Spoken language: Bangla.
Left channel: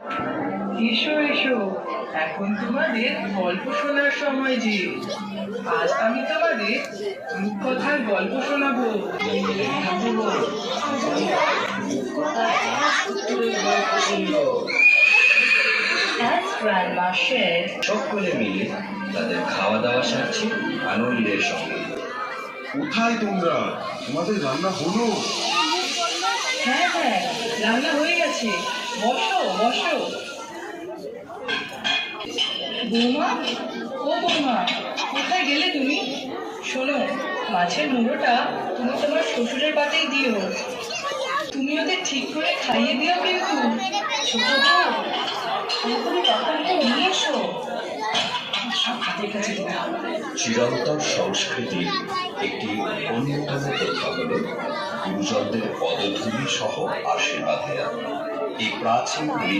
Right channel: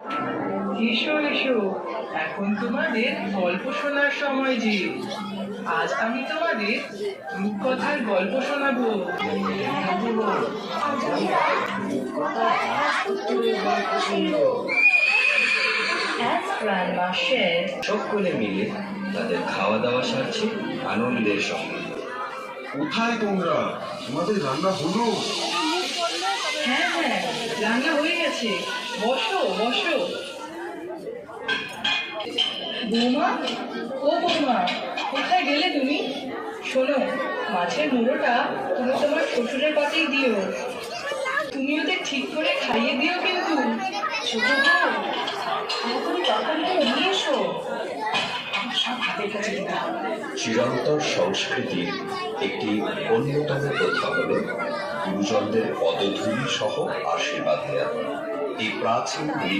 এসো এসো, এখন তোমাদের গল্প শোনার সময় যে। আজ আমি তোমাদের রূপকথার গল্প শোনাবো। As Grandma shared, সকলে মিলে তাদের খাওয়া দাওয়া সারছে আনন্দের সঙ্গে। কোথায় তোমরা? তোমাদের রান্না হলো? হ্যাঁ হ্যাঁ, রান্না হয়ে গেছে, বসো বসো। বৌমা, ও বৌমা, কোথায় গেলে তুমি? শোনো, মাছের মুড়োটা তুমি তোমার শ্বশুরের পাতেই দিও। তুমি ওদের ঠিক করে খাইয়ে দিও কিন্তু। ছোট বউ, তাড়াতাড়ি তরকারিটা নিয়ে এসো, সব হাতের কাছে দিতে হবে। চিরন্তর সংস্কৃতির একটি অন্যতম প্রথা হল গুরুজনদের পদধূলি সহ আশীর্বাদ দেওয়া। এই প্রাচীন রীতি